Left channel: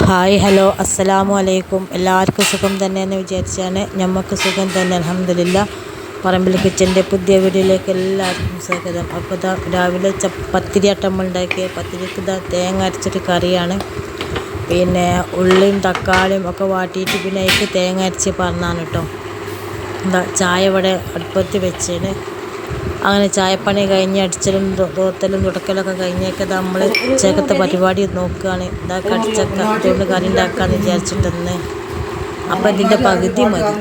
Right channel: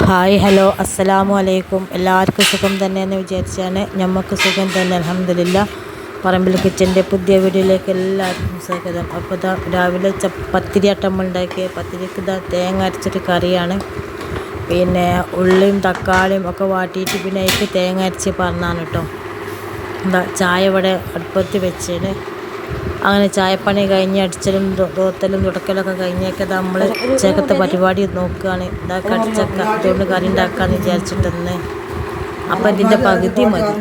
Hi hello അസ്സലാമു അലൈക്കും. എല്ലാവർക്കും സുഖം തന്നെയെന്ന് വിചാരിച്ചാണ്. നമുക്ക് സുഖം തന്നെ അൽഹംദുലില്ലാ. പറമ്പിൽ കിച്ചൻ്റെ പുതിയ വീഡിയോയിലേക്ക് എല്ലാവർക്കും സ്വാഗതം. അപ്പോൾ ഇതാ രാവിലെ പത്തിരി നമ്മൾ ഉണ്ടാക്കിയ പത്തിരിക്ക് ഇതാ തേങ്ങ അരച്ചിട്ട് കറിയാണ്. പിന്നെ ഉള്ളിയും തക്കാളിയും ഒക്കെ വാട്ടിയിട്ട് പിന്നെ അതിലേക്ക് തേങ്ങ അരച്ച് പറഞ്ഞാണ് കേട്ടോ. എന്താ ചായ ഇവിടെ അടുപ്പത്ത് വെച്ചേന്. അങ്ങനെ ചായപ്പണി കഴിഞ്ഞ് അടിച്ചലും തോത്തലും തുടക്കലൊക്കെ കഴിഞ്ഞൊക്കെ നമ്മൾ ഉച്ചക്കത്തെ പരിപാടി നോക്കുകയാണ്. ഇതാ കടിച്ചക്ക അതുകൊണ്ട് കറി ഉണ്ടാക്കാമെന്ന് വിചാരിച്ചിട്ടൊന്ന്. അപ്പം ഇതിൻ്റെ പകുതി മതി,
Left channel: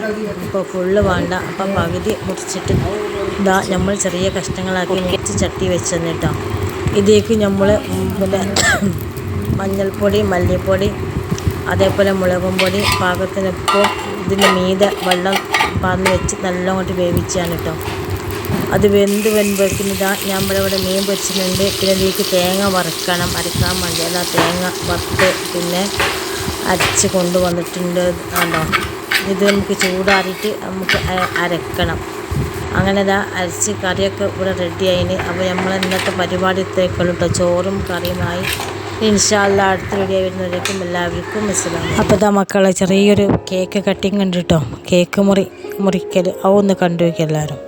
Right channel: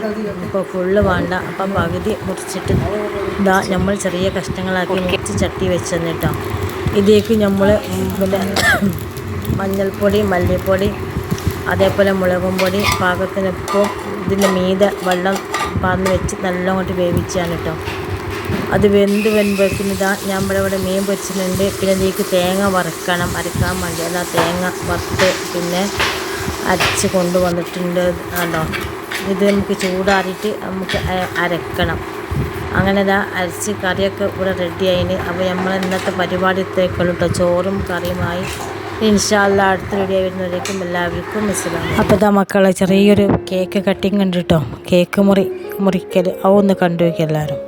ഇപ്പോൾ ഫുള്ള് വേണ്ട. അപ്പം പകുതി മുറിച്ചിട്ട് ഇതാ നമ്മൾ ചെറിയ കഷ്ണങ്ങളാക്കി മുറിച്ച് ചട്ടി വെച്ച് തന്നിട്ടോ. ഇതിലേക്ക് നമ്മൾ പിന്നെ മഞ്ഞൾപ്പൊടി, മല്ലിപ്പൊടി, അതേപോലെ മുളകും പൊടി, പാകത്തിനൊപ്പം ഇതിൻ്റെ മീതെ വെള്ളം പാർന്ന് വെച്ച് നല്ലോണം വേവിച്ചാണ് കേട്ടോ. അത് വെക്കുന്നിതാ നമ്മളിവിടെ മീൻ പൊരിച്ചിട്ടുണ്ട്. പിന്നെ ഇതിലേക്ക് തേങ്ങ അരക്കാൻ വേണ്ടി അതാ തേങ്ങ വറുത്ത് പിന്നെ അരച്ച് കൊണ്ടുവന്നിട്ടുണ്ട് കേട്ടോ. ഇത് നമുക്ക് ചൂടാറിയിട്ട് നമുക്ക് അരക്കണം. അങ്ങനെ ഇതാ അരച്ച് കറിയൊക്കെ ഇവിടെ റെഡി ആയിന്. അപ്പോൾ നമ്മൾ ഇന്നത്തെ പരിപാടി ഇത്രയൊക്കെയുള്ളൂ കേട്ടോ. ചോറും കറിയുമായി ഇൻഷാ അല്ലാ അടുത്ത വീഡിയോ വരുന്നവരേക്കും എല്ലാവർക്കും അസ്സലാം. അപ്പോൾ ഇതാ മക്കളെ ചെറിയൊരു കേക്ക് കട്ടിങ് ഉണ്ട് കേട്ടോ. കേക്ക് മുറിക്കൽ അതൊന്ന് കണ്ടു വയ്ക്കുക എല്ലാവരും.